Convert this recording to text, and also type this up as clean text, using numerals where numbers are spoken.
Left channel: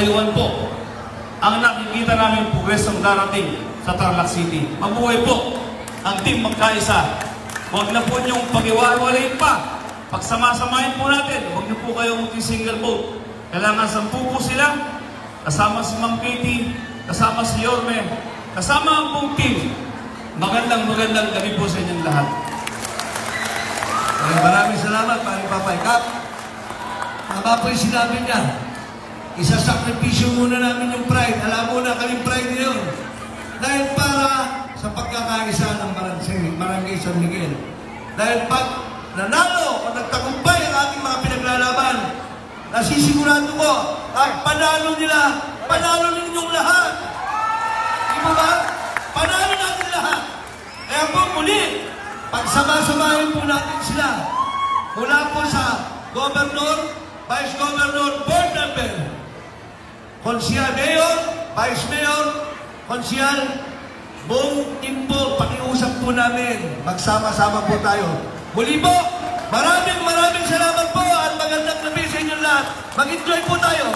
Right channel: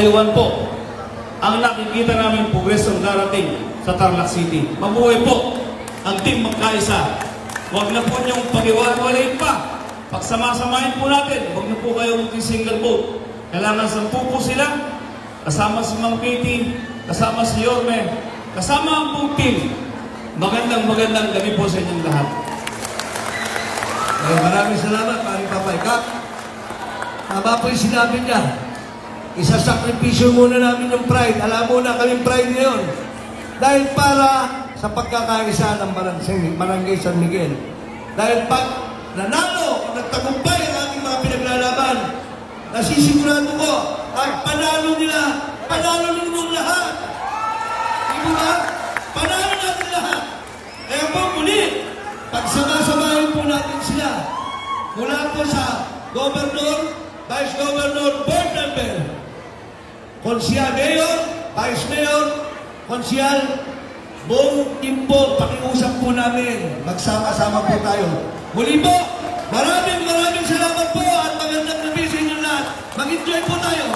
katayuan po ang nakikita namin progresong darating sa Tarlac City. Mabuhay po ang team magkaisa. Huwag na po niyong pag-iwalay pa. Pagsama-samahin po natin. Huwag niyo po kayo mag-single vote. Kailangan 10 po sila. Kasama si Mang Katie, kasama si Yorme, kasama ang buong team. Magandang gabi po sa inyong lahat. Maraming salamat, Pare Papay Kap. Tama po yung sinabi niya. Isasakripisyo muna namin yung pride. Alam mo na kaming pride ngayon. Dahil para sa pagkakaisa ng Barangay San Miguel. Dahil pag nanalo o nagtagumpay ang ating mga pinaglalaban, nasisigurado ko, at panalo ninyong lahat. Di ba? Panalo natin lahat. Kaya po muli, pagsama-samahin po natin sila. Mula po sa Governor, Vice Governor, Board Member, Konsyal Mayor, Vice Mayor, Konsyal, buong team po, pakiusap po namin. Magsama-sama po tayo. Muli po, maraming salamat po at magandang gabi sa inyo lahat. Mag-enjoy po tayo.